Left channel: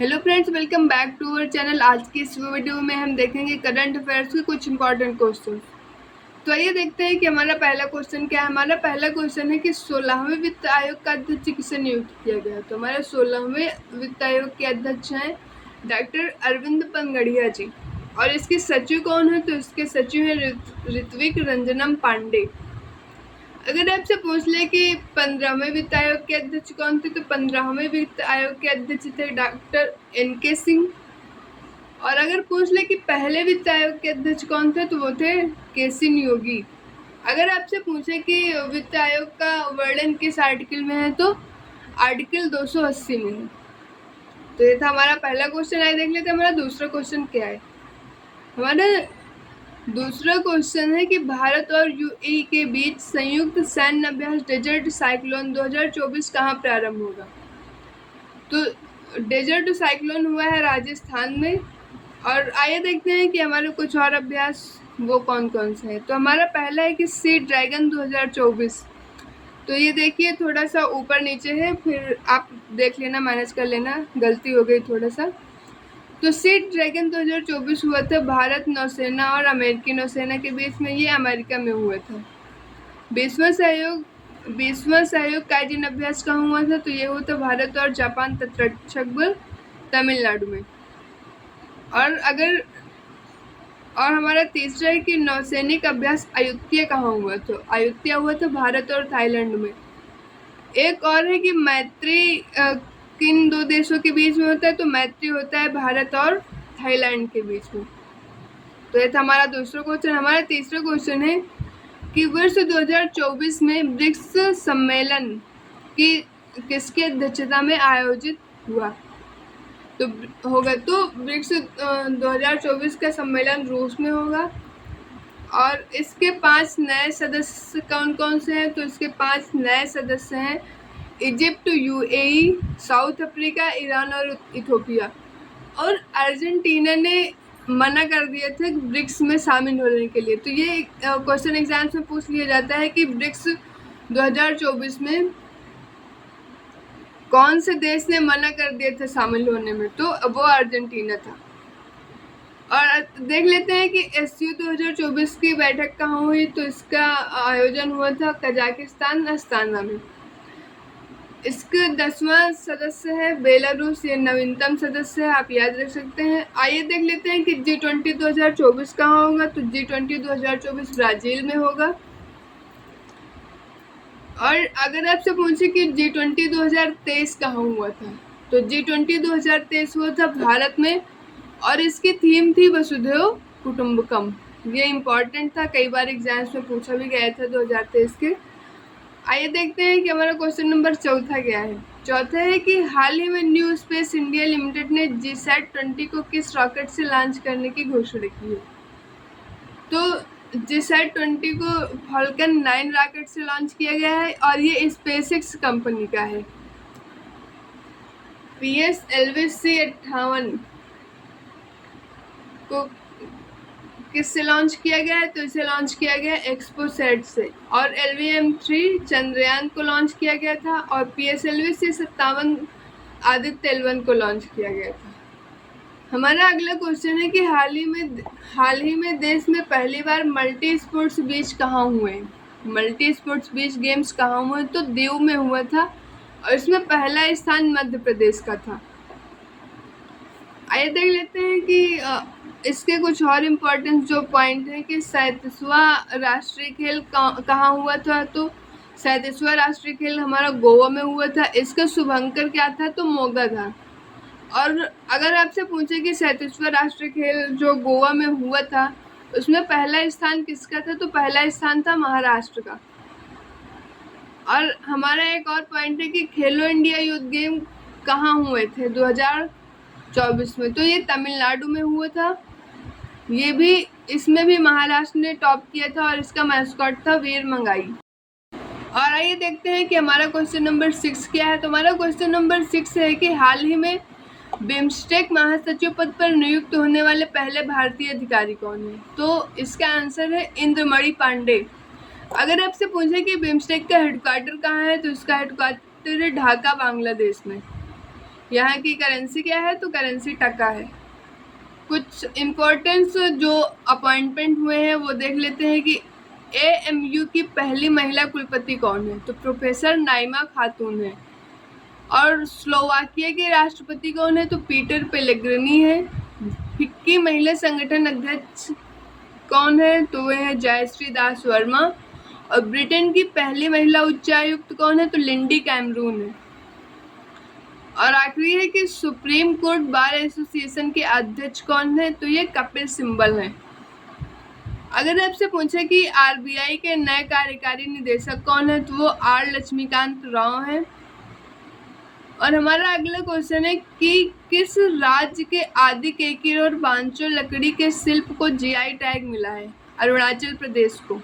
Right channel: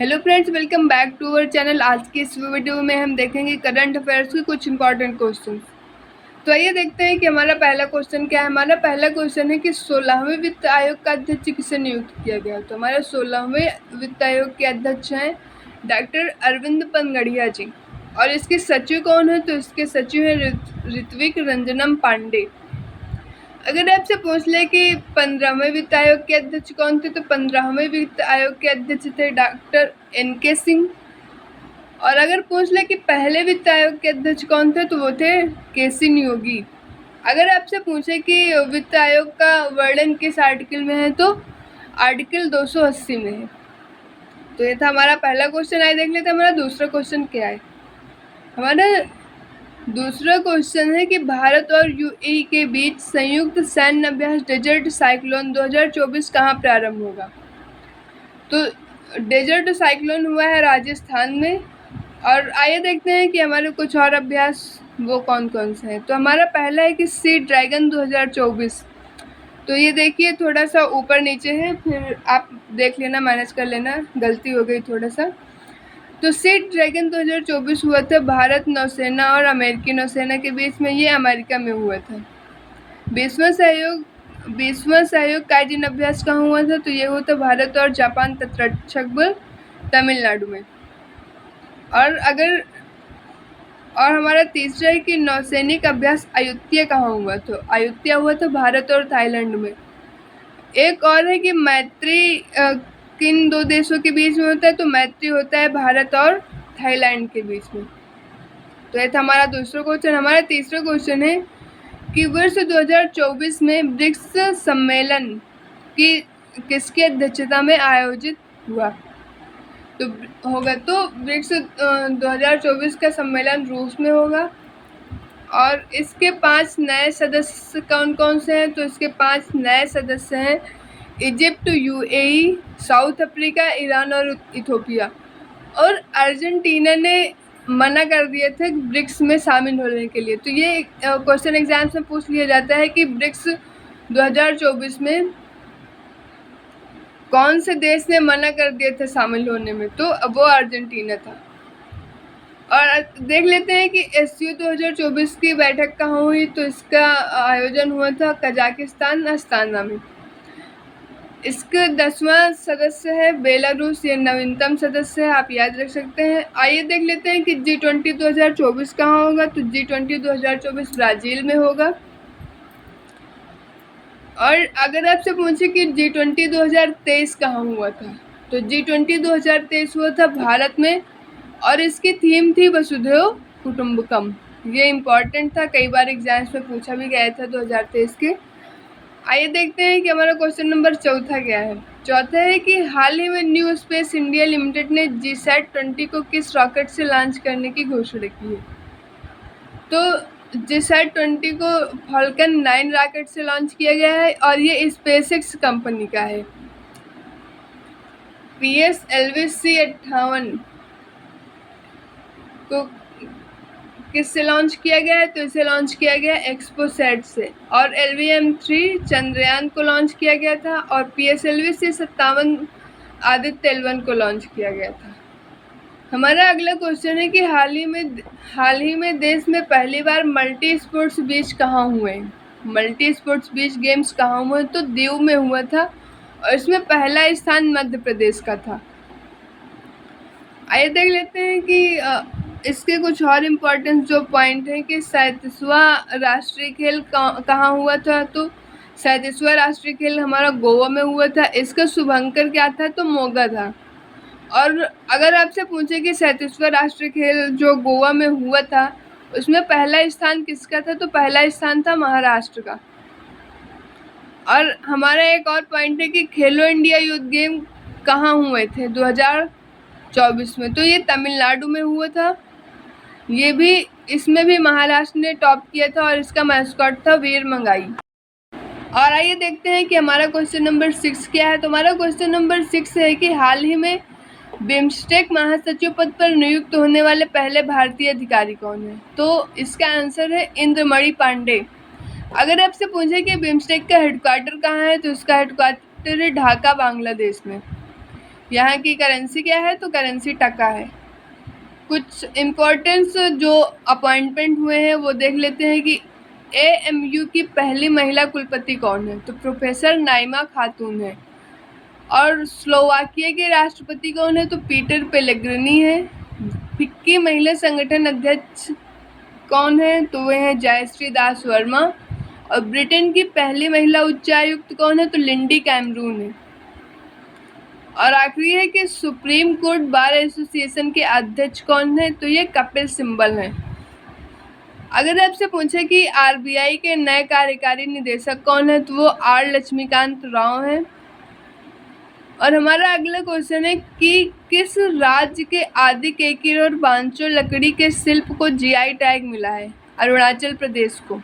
Hello friends, welcome back to our channel. आज की इस वीडियो में हम देखेंगे करंट अफेयर्स के कुछ इंपॉर्टेंट क्वेश्चंस। तो आइए देखते हैं कि हमारा पहला क्वेश्चन क्या है। हमारा पहला क्वेश्चन है कि 16वें वित्त आयोग का अध्यक्ष किसे नियुक्त किया गया। तो हमारे 16वें वित्त आयोग के अध्यक्ष हैं डॉक्टर अरविंद पनगड़िया जी। और इसके सचिव कौन है? तो इसके सचिव हैं ऋत्विक रंजनम पांडे। अगर आपसे पूछ ले कि 15वें वित्त आयोग के अध्यक्ष कौन थे, तो 15वें वित्त आयोग के अध्यक्ष थे डॉक्टर NK सिंह। और अगर पूछ ले कि पहले वित्त आयोग के अध्यक्ष कौन थे, तो वो थे KC नियोगी। अगर आपसे पूछे कि वित्त आयोग का वर्णन किस आर्टिकल में है, तो आर्टिकल 280 में है। तो ये था हमारा पहला क्वेश्चन। आइए देख लेते हैं हमारा दूसरा क्वेश्चन क्या है। हमारा दूसरा क्वेश्चन है कि भारत और UAE के बीच संयुक्त सैन्य अभ्यास डेजर्ट साइक्लोन 2024 कहाँ प्रारंभ होगा। तो डेजर्ट साइक्लोन हुआ है राजस्थान में। और आइए देखते हैं कि हमारे कुछ और अभ्यास वो कौन कौन से हैं। तो हमारा पहला है कि सी ड्रैगन 2024। तो ये देखिए थोड़ा सा ऊपर नीचे है, फिर आप देख लेना, मैनेज कर लेना, गलती हो गई थोड़ा सा। तो सी ड्रैगन 2024 हुआ था भारत नौसेना और अमेरिकी नौसेना के बीच में। ये अमेरिका में हुआ था। 20वां सहयोग काइजिन अभ्यास कहाँ हुआ था? तो ये हुआ था भारत और जापान तटरक्षक बल तमिलनाडु में। और हमारा तीसरा है कि नौसैनिक अभ्यास अयुत्या कहाँ हुआ? तो अयुत्या हुआ था भारत और थाईलैंड में। एक और है कि मैत्री किन दो देशों के बीच में होता है? तो मैत्री होता है भारत और थाईलैंड के बीच में। तो ये था हमारा दूसरा क्वेश्चन। हमारा तीसरा क्वेश्चन है कि वर्ष 2024 में ब्रिक्स सम्मेलन की किसकी अध्यक्षता में आयोजित हुआ तो होगा? तो ब्रिक्स 2024 का सम्मेलन रूस में होगा। और इसके 5 नए सदस्य कौन कौन से हैं? तो इसके 5 नए सदस्य हैं Egypt, UAE, south Africa, Iran और इथोपिया। और अर्जेंटीना ने मना कर दिए थे ब्रिक्स में शामिल होने के लिए। तो ये क्वेश्चन एग्जाम्स में पूछ लिया जाता है कि ब्रिक्स 2024 में कौन से देश ने मना कर दिए थे शामिल होने में? तो वो अर्जेंटीना था। और देख लेते हैं कि SCO 2024 की बैठक कहाँ हुई। तो इसका आयोजन हुआ था कजाकिस्तान अस्ताना में। इसका 10वां सदस्य है बेलारूस। ये नवीनतम सदस्य है, आप याद रख सकते हैं। आइए देख लेते हैं कि G20 2024 कहाँ होगा। तो G20 2024 ब्राज़ील में होगा। और अगर आपसे पूछे कि G20 2023 कहाँ हुआ था, तो G20 2023 हुआ था भारत में। और इसकी थीम थी वसुधैव कुटुंबकम। ये इम्पॉर्टेंट था, कई बार एग्जाम्स में पूछा भी गया था 2023 के। आइए देखते हैं कि हमारा क्वेश्चन नंबर चौथा क्या है। चौथा है कि हाल ही में न्यू स्पेस इंडिया लिमिटेड ने GSAT-20 को किस रॉकेट से लॉन्च करने की घोषणा की है? तो GSAT-20 को फाल्कन 9 रॉकेट से लॉन्च किया गया है और ये SpaceX कंपनी का है। PSLV C-58 को किससे लॉन्च किया गया है? तो इसे लॉन्च किया गया एक्सपोसैट से। और LVM-3 चंद्रयान को लॉन्च किया गया था। और PSLV C-57 आदित्य L1 को लॉन्च किया गया था। हमारा अगला क्वेश्चन है कि हाल ही में देश में पहली बार मल्टी स्पोर्ट्स बीच कहाँ हुए? मल्टी स्पोर्ट्स बीच गेम्स कहाँ हुए? तो दीव में हुआ था। और इसमें पहला स्थान मध्य प्रदेश का था। आइए देख लेते हैं कि इसके कुछ और इम्पोर्टेंट जो पॉइंट हैं कि 37वां राष्ट्रीय खेल कहाँ हुआ था। तो 37वां राष्ट्रीय खेल हमारा गोवा में हुआ था। इसका शुभंकर क्या था? तो मोगा था। और अगर आपसे पूछे कि 37वां राष्ट्रीय खेल जो गोवा में हुआ था, उसमें पहला स्थान किसका था? तो पहला स्थान था महाराष्ट्र का। और हमारा एक और पॉइंट है कि खेलो इंडिया यूथ गेम कहाँ हुए थे 2024 में? तो ये तमिलनाडु में हुआ था। इसमें भी महाराष्ट्र ने टॉप किया था और इसका मैस्कॉट था वीर मंगाई। और आइए देखते हैं कि हमारा क्वेश्चन नंबर 6 क्या है। तो हमारा क्वेश्चन नंबर 6 है कि हाल ही में बिम्स्टेक महासचिव पद पर नियुक्त होने वाले पहले भारतीय अधिकारी कौन है? तो इसका आंसर है इंद्रमणि पांडे। अगर आपसे पूछे कि बिम्स्टेक का हेडक्वार्टर कहाँ है, तो इसका हेडक्वार्टर है ढाका, बांग्लादेश में। यहाँ की करेंसी क्या है? तो करेंसी टका है। कुछ इम्पोर्टेंस जो अपॉइंटमेंट हुए हैं वो देख लेते हैं कि AMU की पहली महिला कुलपति कौन है? तो प्रोफेसर नाइमा खातून है। और स्लोवाकिया के राष्ट्रपति कौन है? तो पीटर पेलेग्रिनी है। फिक्की महिला संगठन अध्यक्ष कौन है? तो वे हैं जयश्री दास वर्मा। और ब्रिटेन की पहली महिला उच्चायुक्त कौन है? तो लिंडी कैमरून है। और आखिरी है कि सुप्रीम कोर्ट बार एसोसिएशन के अध्यक्ष कौन है? तो ये कपिल सिब्बल है। अगर आपसे पूछे कि RBI के नए कार्यकारी निदेशक कौन है? तो वो R लक्ष्मीकांत राव हैं। और हमारा अगला क्वेश्चन है कि किस राज्य के आदि केकिर और बांचो लकड़ी के शिल्प को GI टैग मिला है? अरुणाचल प्रदेश को।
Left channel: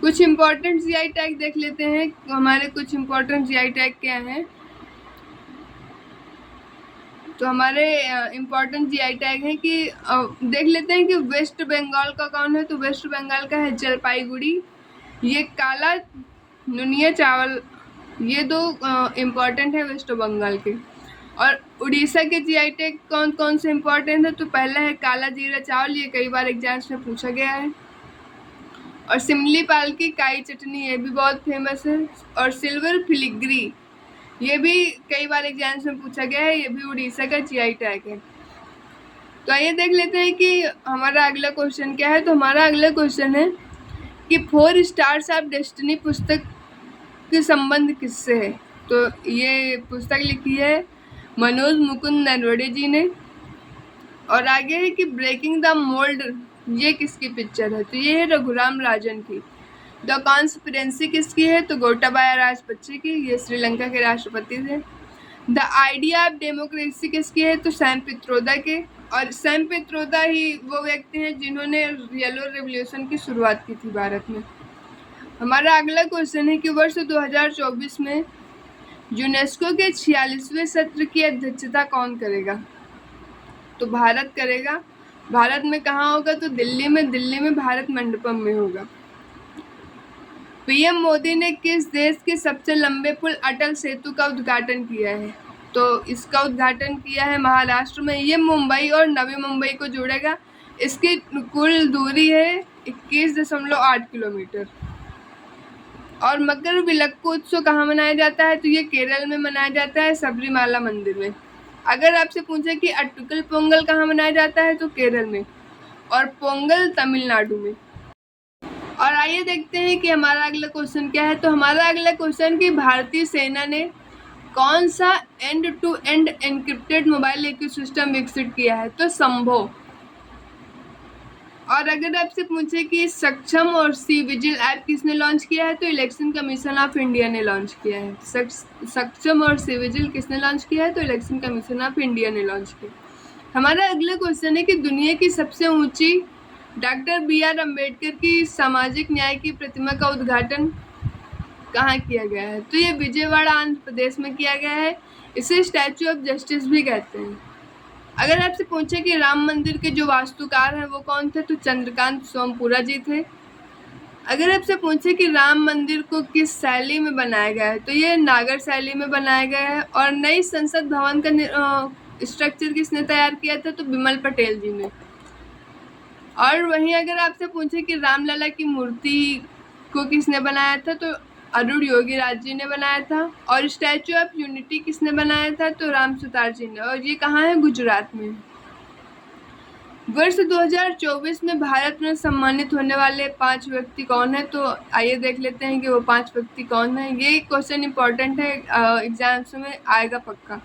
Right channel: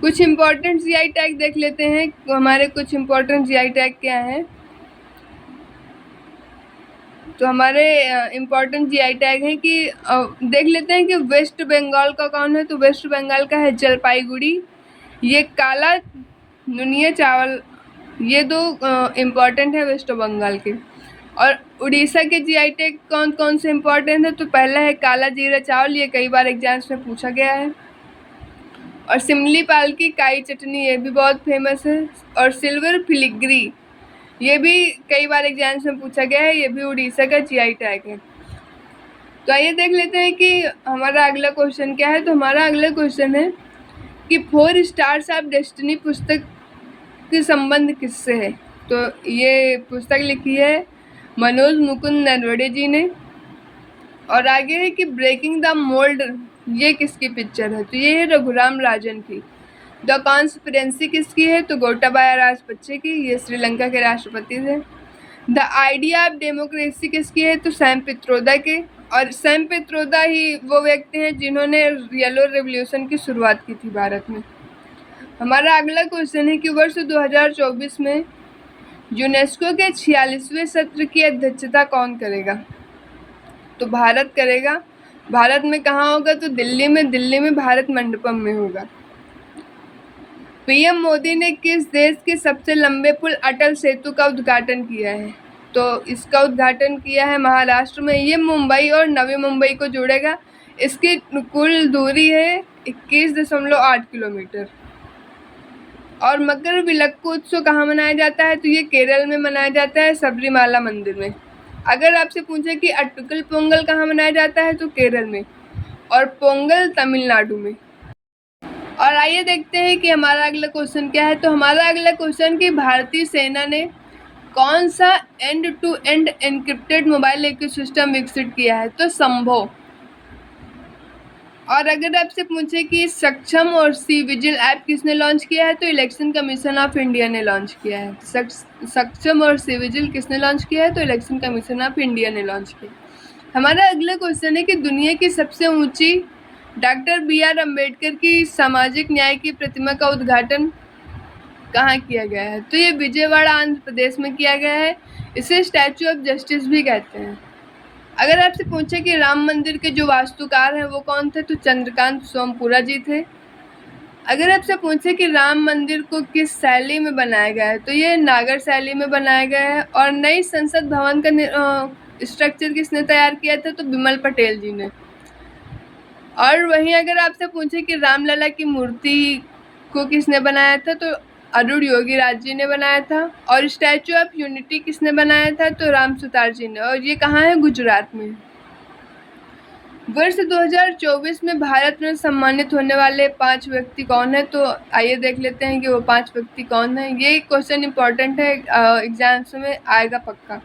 कुछ इम्पोर्टेंट GI टैग देख लेते हैं। हमारे कुछ इम्पोर्टेंट GI टैग क्या हैं? तो हमारे इम्पोर्टेंट GI टैग है कि देख लेते हैं कि वेस्ट बंगाल का कौन है? तो वेस्ट बंगाल का है जलपाईगुड़ी। ये काला नुनिया चावल, ये दो इम्पॉर्टेंट है वेस्ट बंगाल के। और उड़ीसा के GI टैग कौन कौन से इम्पॉर्टेंट है? तो पहला है काला जीरा चावल, ये कई बार एग्जाम्स में पूछा गया है। और सिमलीपाल की काई चटनी, ये भी बहुत फेमस है। और सिल्वर फिलिग्री, ये भी कई बार एग्जाम्स में पूछा गया है, ये भी उड़ीसा का GI टैग है। तो आइए देख लेते हैं कि हमारा अगला क्वेश्चन क्या है। तो हमारा अगला क्वेश्चन है कि 4 स्टार्स ऑफ डेस्टिनी पुस्तक के संबंध किससे है? तो ये पुस्तक लिखी है मनोज मुकुंद नरवड़े जी ने। और आगे है कि ब्रेकिंग द मोल्ड, ये किसकी पिक्चर है? तो ये है रघुराम राजन की। द कॉन्स्पिरेंसी किसकी है? तो गोटाबाया राजपक्षे की, ये श्रीलंका के राष्ट्रपति थे। द आइडिया ऑफ डेमोक्रेसी किसकी है? तो सैम पित्रोदा के। और सैम पित्रोदा ही वो व्यक्ति हैं जिन्होंने येलो रेवोल्यूशन की शुरुआत की थी भारत में। हमारा अगला क्वेश्चन है कि वर्ष 2024 में यूनेस्को के 46वें सत्र की अध्यक्षता कौन करेगा? तो भारत करेगा। भारत में कहाँ होगा? तो दिल्ली में भारत मंडपम में होगा। PM मोदी ने किस देश के सबसे लंबे पुल अटल सेतु का उद्घाटन किया है? तो इसका उद्घाटन किया है महाराष्ट्र में। ये मुंबई और नवी मुंबई को जोड़ेगा। इसकी कुल दूरी है 21.8 किलोमीटर। और मकर विलक्कु उत्सव कहाँ मनाया जाता है? तो ये केरल में मनाया जाता है, सबरीमाला मंदिर में। अगर आपसे पूछे कि अटकल पोंगल कहाँ मनाया जाता है? तो केरल में। और पोंगल तमिलनाडु में। और आइए देखते हैं कि हमारा अगला क्वेश्चन क्या है। तो हमारा अगला क्वेश्चन कि भारतीय सेना ने कौन सा end to end encrypted mobile ecosystem विकसित किया है? तो संभव। और अगर आपसे पूछे कि सक्षम और सी विजिल ऐप किसने लॉन्च किया है? तो इलेक्शन कमीशन ऑफ इंडिया ने लॉन्च किया है। सक्षम और सी विजिल किसने लॉन्च किया है? तो इलेक्शन कमीशन ऑफ इंडिया ने लॉन्च किया। हमारा अगला क्वेश्चन है कि दुनिया की सबसे ऊंची डॉक्टर BR अम्बेडकर की सामाजिक न्याय की प्रतिमा का उद्घाटन कहाँ किया गया है? तो ये विजयवाड़ा आंध्र प्रदेश में किया गया है। इसे स्टैचू ऑफ जस्टिस भी कहते हैं। अगर आपसे पूछे कि राम मंदिर के जो वास्तुकार हैं वो कौन थे? तो चंद्रकांत सोमपुरा जी थे। अगर आपसे पूछे कि राम मंदिर को किस शैली में बनाया गया है? तो ये नागर शैली में बनाया गया है। और नई संसद भवन का स्ट्रक्चर किसने तैयार किया था? तो बिमल पटेल जी ने। और वहीं अगर आपसे पूछे कि रामलला की मूर्ति को किसने बनाया था? तो अरुण योगी राज जी ने बनाया था। और स्टैचू ऑफ यूनिटी किसने बनाया था? तो राम सुतार जी ने। और ये कहाँ है? गुजरात में। वर्ष 2024 में भारत में सम्मानित होने वाले 5 व्यक्ति कौन है? तो आइए देख लेते हैं कि वो 5 व्यक्ति कौन है। ये क्वेश्चन इंपॉर्टेंट है, एग्जाम्स में आएगा पक्का।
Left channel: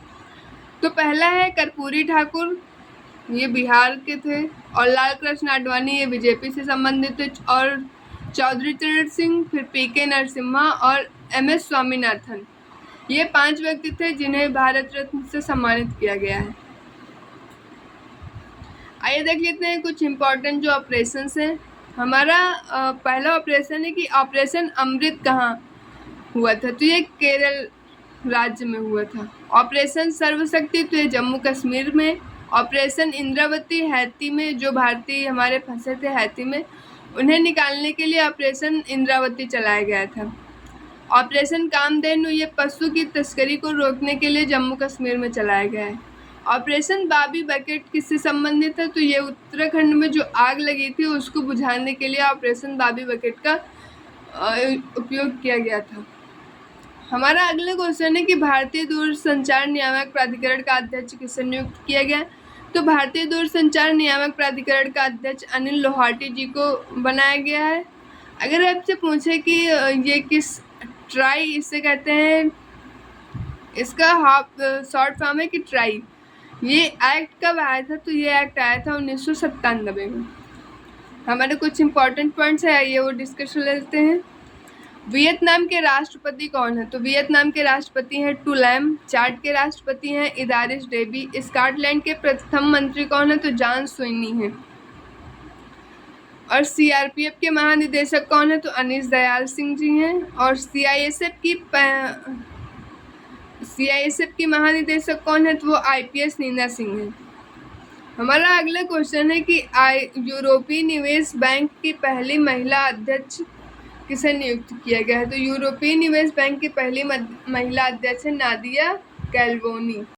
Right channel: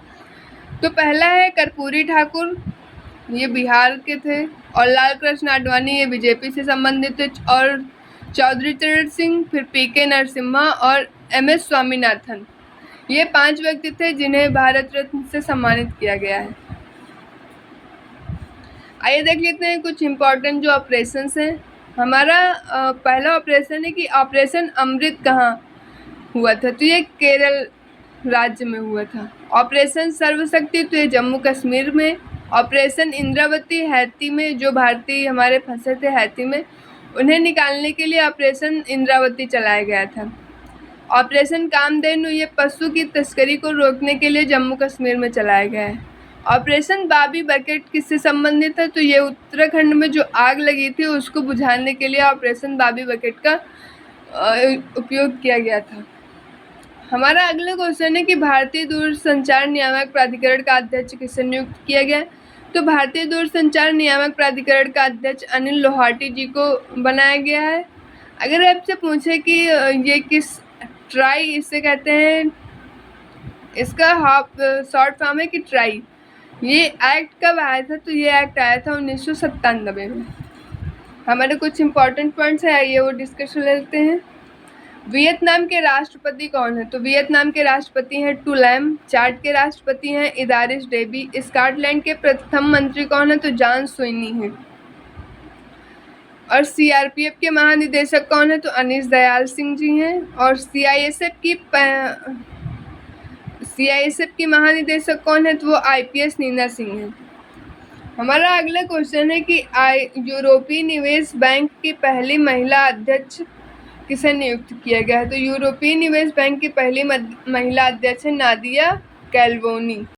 तो पहला है कर्पूरी ठाकुर, ये बिहार के थे। और लाल कृष्ण आडवाणी, ये बीजेपी से संबंधित थे। और चौधरी चरण सिंह, फिर PK नरसिम्हा और MS स्वामीनाथन, ये 5 व्यक्ति थे जिन्हें भारत रत्न से सम्मानित किया गया है। आइए देख लेते हैं कुछ इम्पोर्टेंट जो ऑपरेशंस हैं। हमारा पहला ऑपरेशन है कि ऑपरेशन अमृत कहाँ हुआ था? तो ये केरल राज्य में हुआ था। ऑपरेशन सर्वशक्ति, तो ये जम्मू कश्मीर में। ऑपरेशन इंद्रावती हैती में, जो भारतीय हमारे फंसे थे हैती में, उन्हें निकालने के लिए ऑपरेशन इंद्रावती चलाया गया था। ऑपरेशन कामधेनु ये पशु की तस्करी को रोकने के लिए जम्मू कश्मीर में चलाया गया है। ऑपरेशन बाबी बकेट किससे संबंधित है? तो ये उत्तराखंड में जो आग लगी थी उसको बुझाने के लिए ऑपरेशन बाबी बकेट का उपयोग किया गया था। हमारा अगला क्वेश्चन है कि भारतीय दूरसंचार नियामक प्राधिकरण का अध्यक्ष किसे नियुक्त किया गया? तो भारतीय दूरसंचार नियामक प्राधिकरण का अध्यक्ष अनिल लोहाटी जी को बनाया गया है। अगर आपसे पूछे कि ये किस ट्राई इसे कहते हैं, इसका शॉर्ट फॉर्म है कि ट्राई, ये एक्ट कब आया था? तो ये एक्ट आया था 1997 में। हमारे कुछ इंपॉर्टेंट पॉइंट्स हैं, आइए वो डिस्कस कर लेते हैं। वियतनाम के राष्ट्रपति कौन है? तो वियतनाम के राष्ट्रपति हैं टू लैम। चाड के राष्ट्रपति हैं इदारिस डेबी। स्कॉटलैंड के प्रथम मंत्री कौन है? तो जॉन स्विनी हैं। और सीआरपीएफ के महानिदेशक कौन है? तो अनीस दयाल सिंह जी हैं। और सीआईएसएफ की महानिदेशक कौन है? तो वो आईपीएस नीना सिंह हैं। हमारा अगला क्वेश्चन है कि यूरोपीय निवेश बैंक की पहली महिला अध्यक्ष किसे नियुक्त किया गया है? तो यूरोपीय निवेश बैंक की पहली महिला अध्यक्ष है नादिया कैल्वोनी।